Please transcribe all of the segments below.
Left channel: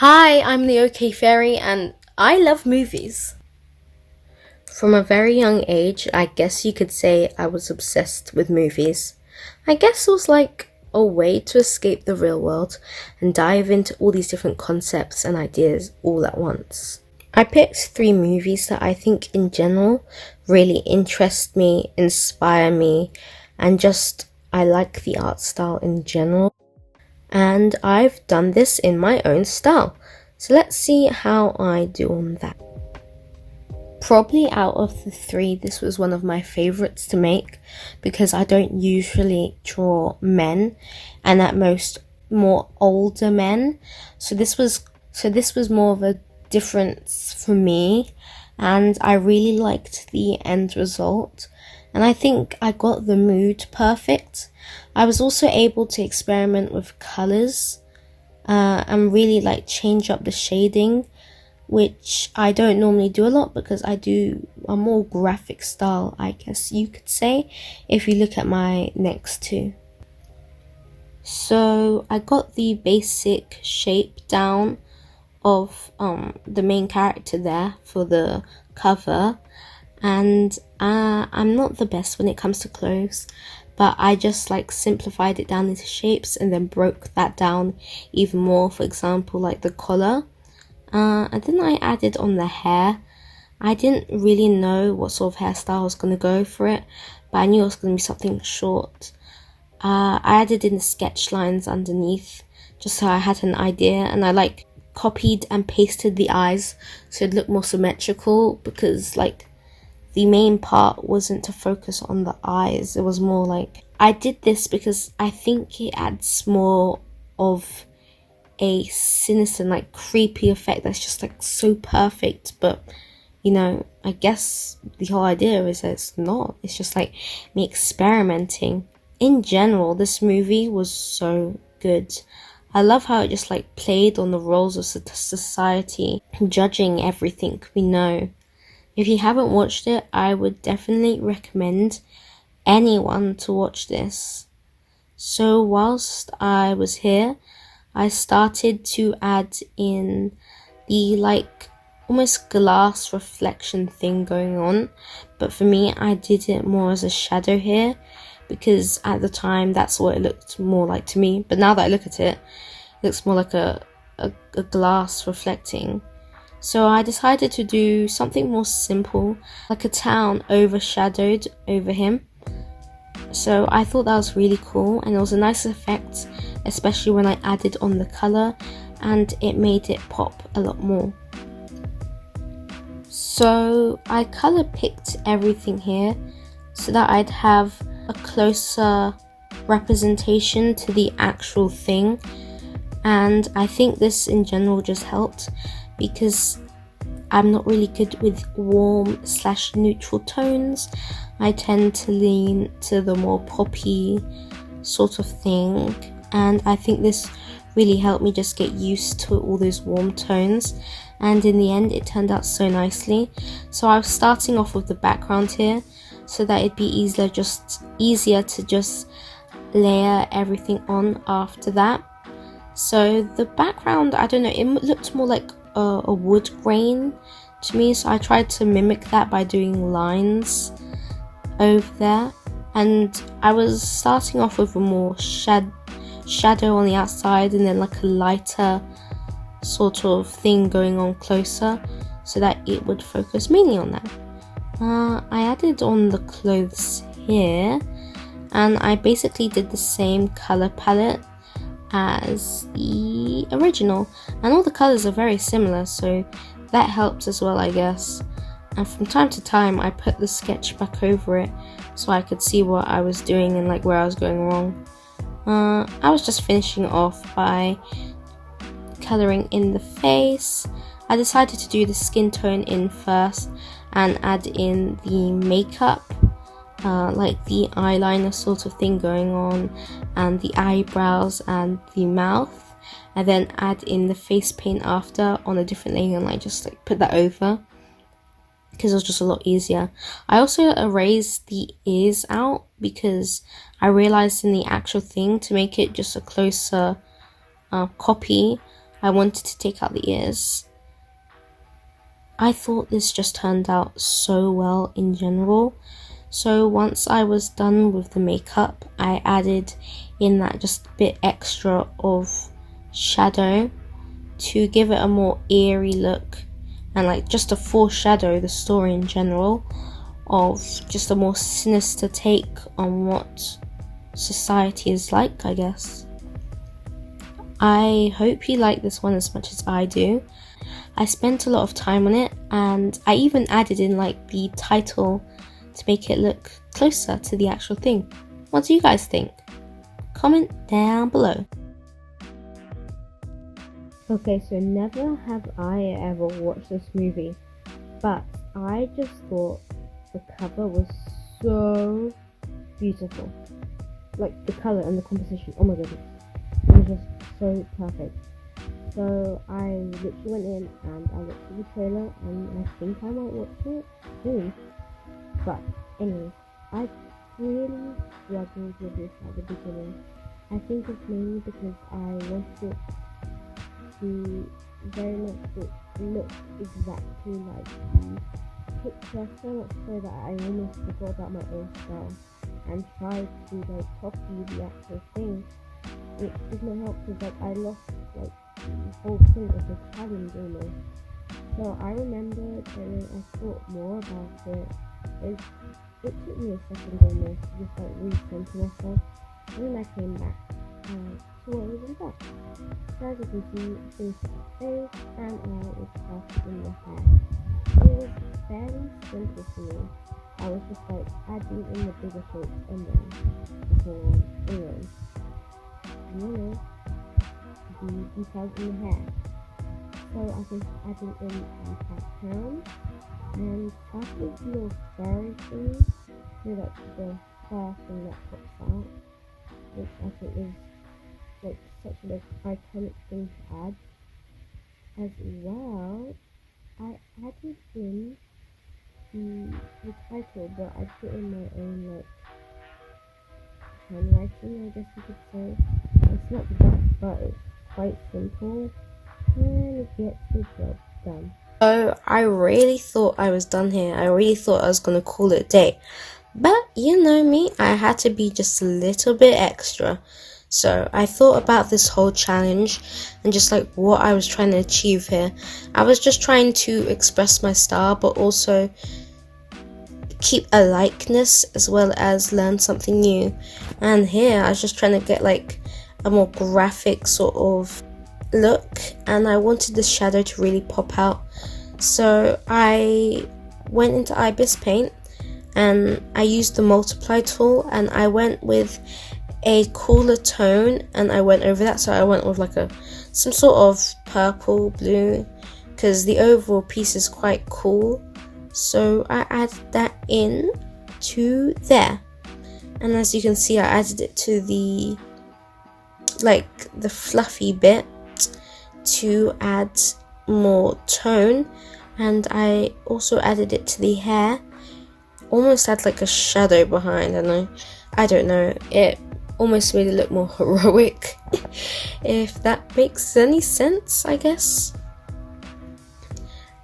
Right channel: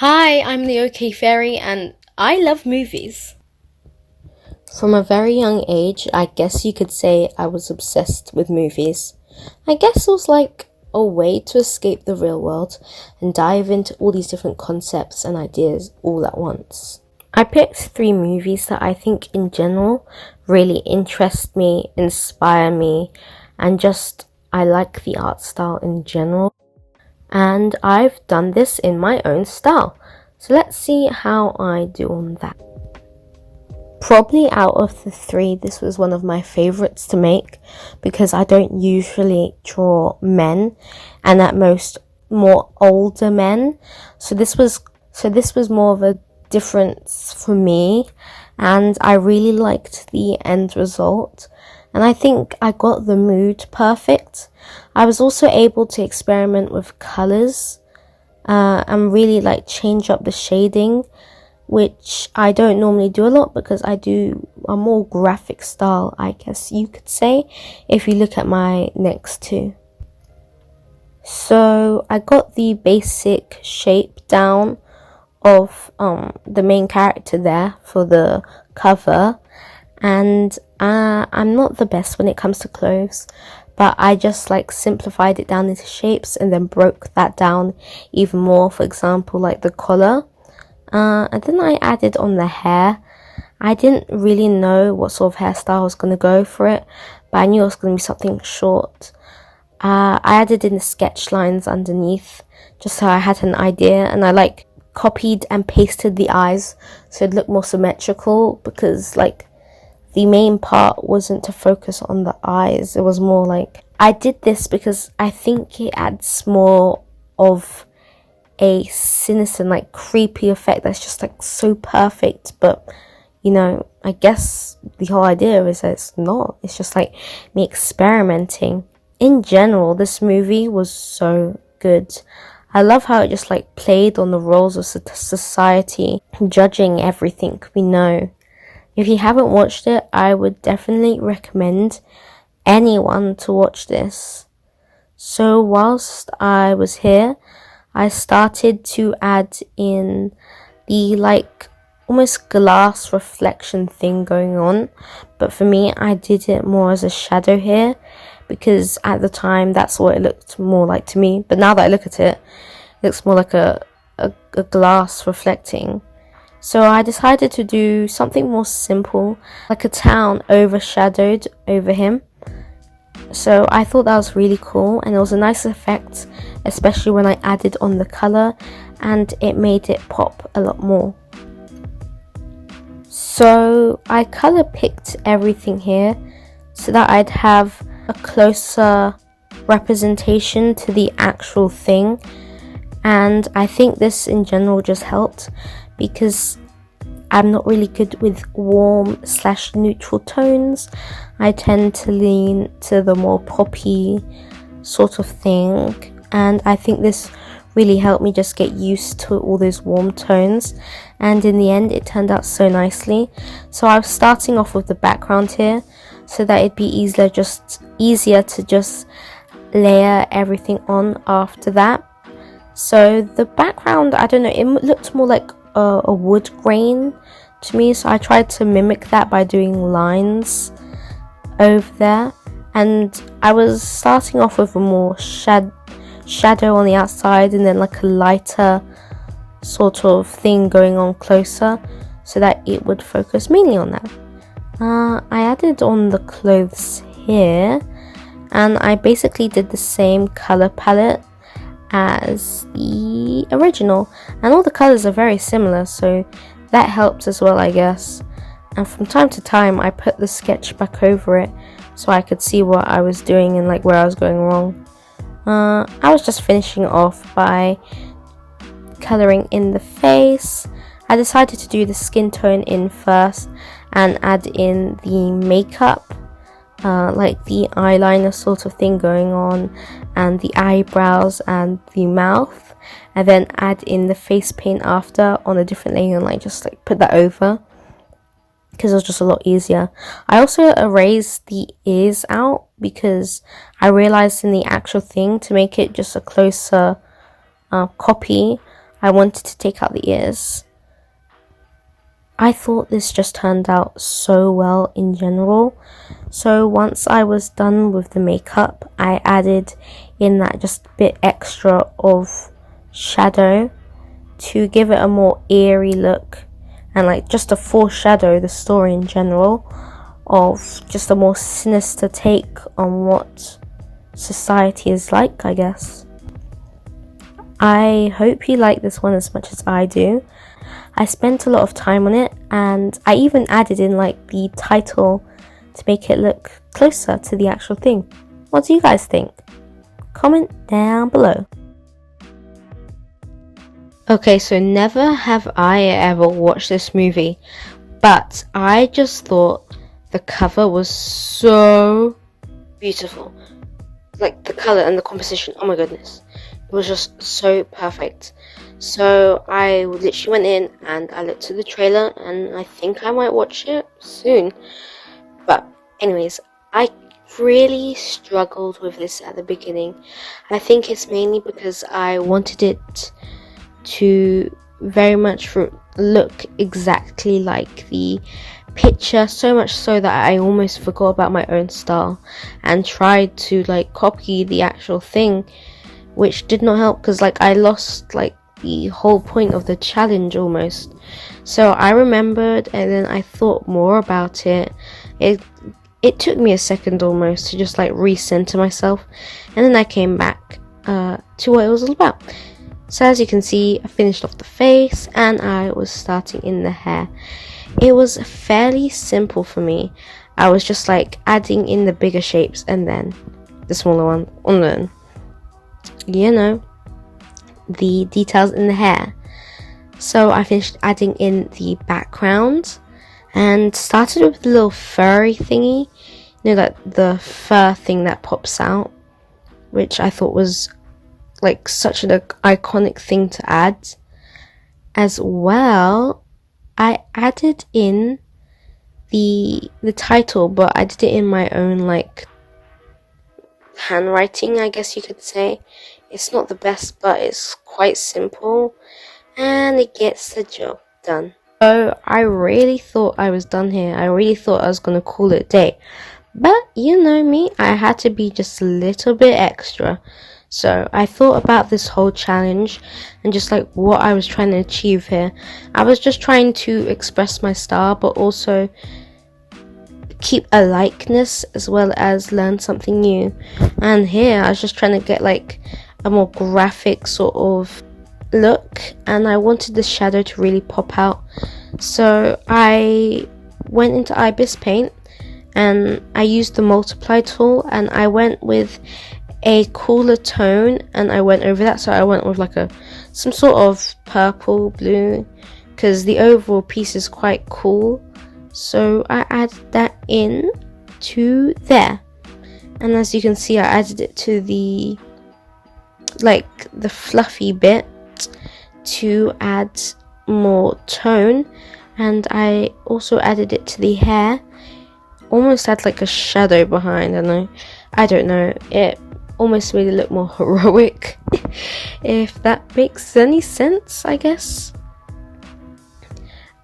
Hi, I'm the OK Fairy and I love movies. From a very young age, I guess you could say I was obsessed with movies. I guess it was like a way to escape the real world and dive into all these different concepts and ideas all at once. I picked three movies that I think in general really interest me, inspire me, and just I like the art style in general. And I've done this in my own style. So let's see how I do on that. Probably out of the three, this was one of my favorites to make because I don't usually draw men and at most more older men. So this was more of a difference for me and I really liked the end result and I think I got the mood perfect. I was also able to experiment with colors and really like change up the shading, which I don't normally do a lot because I do a more graphic style, I guess you could say, if you look at my next two. So I got the basic shape down of the main character there for the cover, and I'm not the best when it comes to clothes, but I just like simplified it down into shapes and then broke that down even more. For example, like the collar. And then I added on the hair. I didn't really know what sort of hairstyle I was going to go for it, but I knew it was going to be something short. I added in the sketch lines underneath, just so I had an idea, and I like copied and pasted the eyes so it looked more symmetrical because like the main part wasn't to focus on the eyes. It was more like I did this because I think it adds more of a sinister, like creepy effect that's just like so perfect. But you know, I guess the whole idea is that it's not. It's just like me experimenting. In general, this movie was so good. I love how it just like played on the roles of society, judging everything we know. If you haven't watched it, I would definitely recommend anyone to watch this. So whilst I was here, I started to add in the like almost glass reflection thing going on, but for me I did it more as a shadow here because at the time that's what it looked more like to me, but now that I look at it, it looks more like a glass reflecting. So I decided to do something more simple, like a town overshadowed over him. So I thought that was really cool and it was a nice effect, especially when I added on the colour, and it made it pop a lot more. So I colour picked everything here so that I'd have a closer representation to the actual thing, and I think this in general just helped because I'm not really good with warm/neutral tones. I tend to lean to the more poppy sort of thing, and I think this really helped me just get used to all those warm tones, and in the end it turned out so nicely. So I was starting off with the background here so that it'd be easier to just layer everything on after that. So the background, I don't know, it looked more like a wood grain to me, so I tried to mimic that by doing lines over there, and I was starting off with a more shadow on the outside and then like a lighter sort of thing going on closer so that it would focus mainly on that. I added on the clothes here and I basically did the same color palette as the original, and all the colors are very similar, so that helps as well, I guess. And from time to time I put the sketch back over it so I could see what I was doing and like where I was going wrong. I was just finishing off by coloring in the face. I decided to do the skin tone in first and add in the makeup, like the eyeliner sort of thing going on, and the eyebrows and the mouth, and then add in the face paint after on a different layer and like just like put that over because it was just a lot easier. I also erased the ears out because I realized in the actual thing to make it just a closer copy, I wanted to take out the ears. I thought this just turned out so well in general. So once I was done with the makeup, I added in that just a bit extra of shadow to give it a more eerie look and like just to foreshadow the story in general of just a more sinister take on what society is like, I guess. I hope you like this one as much as I do. I spent a lot of time on it, and I even added in like the title to make it look closer to the actual thing. What do you guys think? Comment down below. Okay, so never have I ever watched this movie, but I just thought the cover was so beautiful. Like the color and the composition, oh my goodness. It was just so perfect. So I literally went in and I looked at the trailer, and I think I might watch it soon. But anyways, I really struggled with this at the beginning. And I think it's mainly because I wanted it to very much look exactly like the picture, so much so that I almost forgot about my own style and tried to like copy the actual thing, which did not help because like I lost like the whole point of the challenge almost. So I remembered, and then I thought more about it. It took me a second almost to just like recenter myself, and then I came back to what it was all about. So as you can see, I finished off the face and I was starting in the hair. It was fairly simple for me. I was just like adding in the bigger shapes and then the smaller one, and then, you know, the details in the hair. So I finished adding in the background and started with the little furry thingy, you know, like the fur thing that pops out, which I thought was like such an iconic thing to add. As well, I added in the title, but I did it in my own like handwriting, I guess you could say. It's not the best, but it's quite simple and it gets the job done. So I really thought I was done here. I really thought I was gonna call it a day, but you know me, I had to be just a little bit extra. So I thought about this whole challenge and just like what I was trying to achieve here. I was just trying to express my style, but also keep a likeness as well as learn something new. And here I was just trying to get like a more graphic sort of look, and I wanted the shadow to really pop out. So I went into Ibis Paint and I used the multiply tool, and I went with a cooler tone and I went over that. So I went with like some sort of purple blue because the overall piece is quite cool. So I added that in to there, and as you can see, I added it to the fluffy bit to add more tone, and I also added it to the hair, almost had like a shadow behind. I don't know, it almost made it look more heroic if that makes any sense, I guess.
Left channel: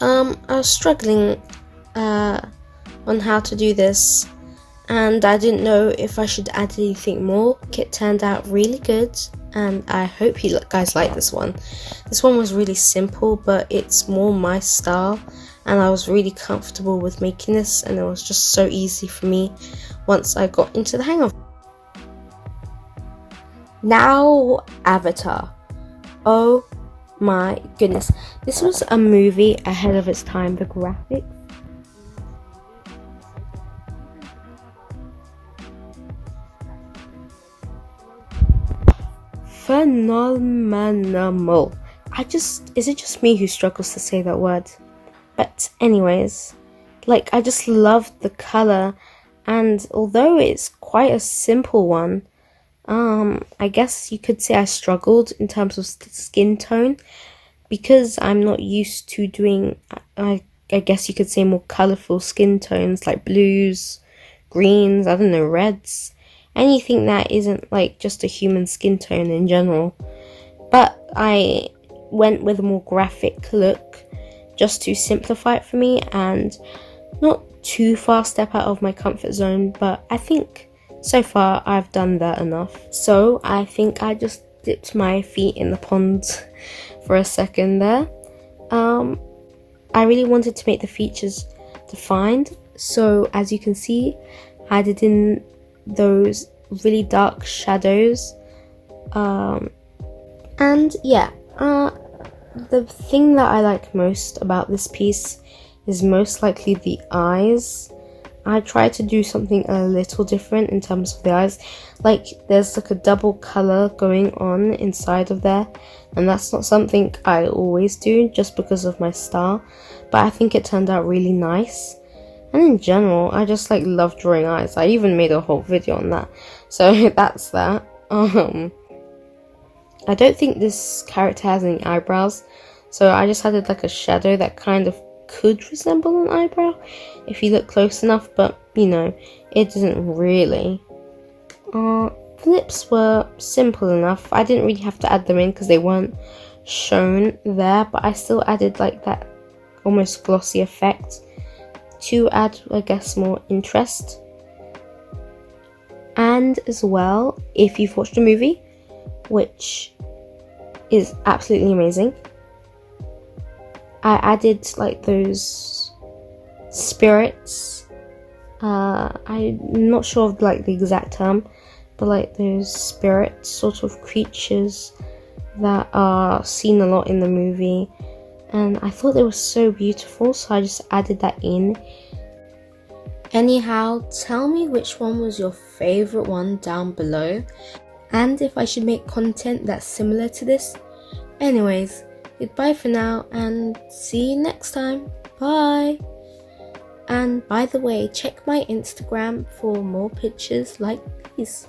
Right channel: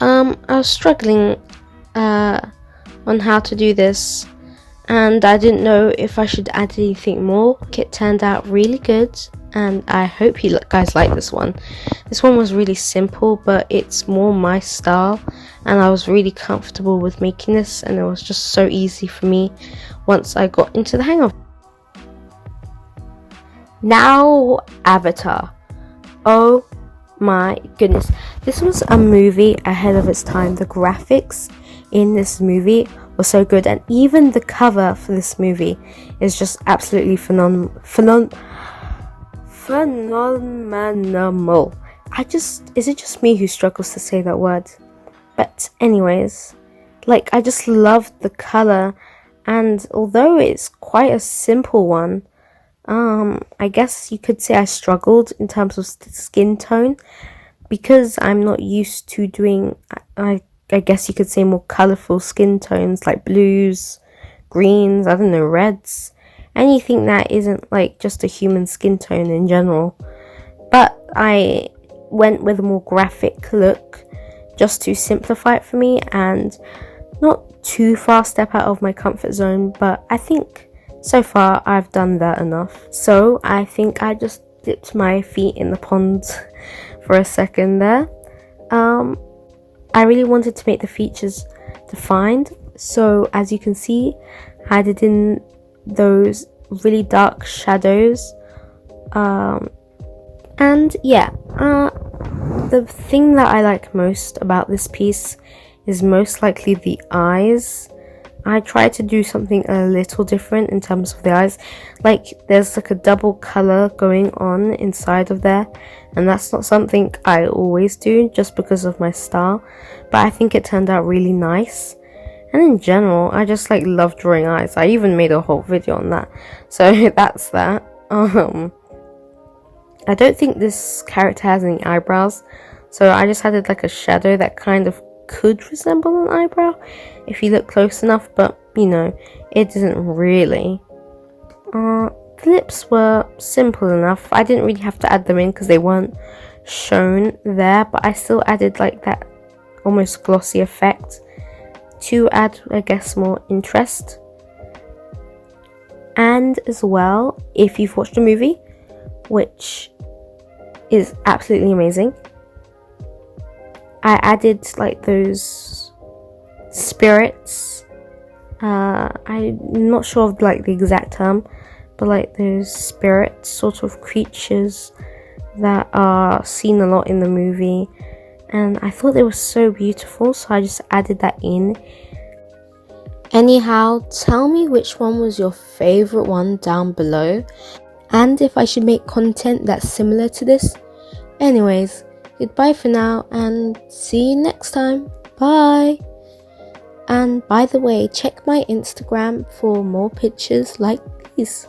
I was struggling on how to do this, and I didn't know if I should add anything more. It turned out really good, and I hope you guys like this one. This one was really simple, but it's more my style, and I was really comfortable with making this, and it was just so easy for me once I got into the hang of it. Now, Avatar. Oh my goodness. This was a movie ahead of its time. The graphics in this movie were so good, and even the cover for this movie is just absolutely phenomenal. Is it just me who struggles to say that word? But anyways, like, I just loved the color, and although it's quite a simple one, I guess you could say I struggled in terms of skin tone because I'm not used to doing, I guess you could say, more colorful skin tones like blues, greens, I don't know, reds, anything that isn't like just a human skin tone in general. But I went with a more graphic look just to simplify it for me and not too far step out of my comfort zone, but I think so far I've done that enough. So I think I just dipped my feet in the pond for a second there. I really wanted to make the features defined, so as you can see, I added in those really dark shadows, and yeah, the thing that I like most about this piece is most likely the eyes. I tried to do something a little different in terms of the eyes. Like, there's like a double color going on inside of there, and that's not something I always do just because of my style, but I think it turned out really nice. And in general, I just like love drawing eyes. I even made a whole video on that, so that's that. I don't think this character has any eyebrows, so I just added like a shadow that kind of could resemble an eyebrow if you look close enough, but you know, it doesn't really. The lips were simple enough. I didn't really have to add them in because they weren't shown there, but I still added like that almost glossy effect to add, I guess, more interest. And as well, if you've watched the movie, which is absolutely amazing, I added like those spirits. I'm not sure of like the exact term, but like those spirit sort of creatures that are seen a lot in the movie, and I thought they were so beautiful, so I just added that in. Anyhow, tell me which one was your favorite one down below, and if I should make content that's similar to this. Anyways, goodbye for now and see you next time. Bye. And by the way, check my Instagram for more pictures like these.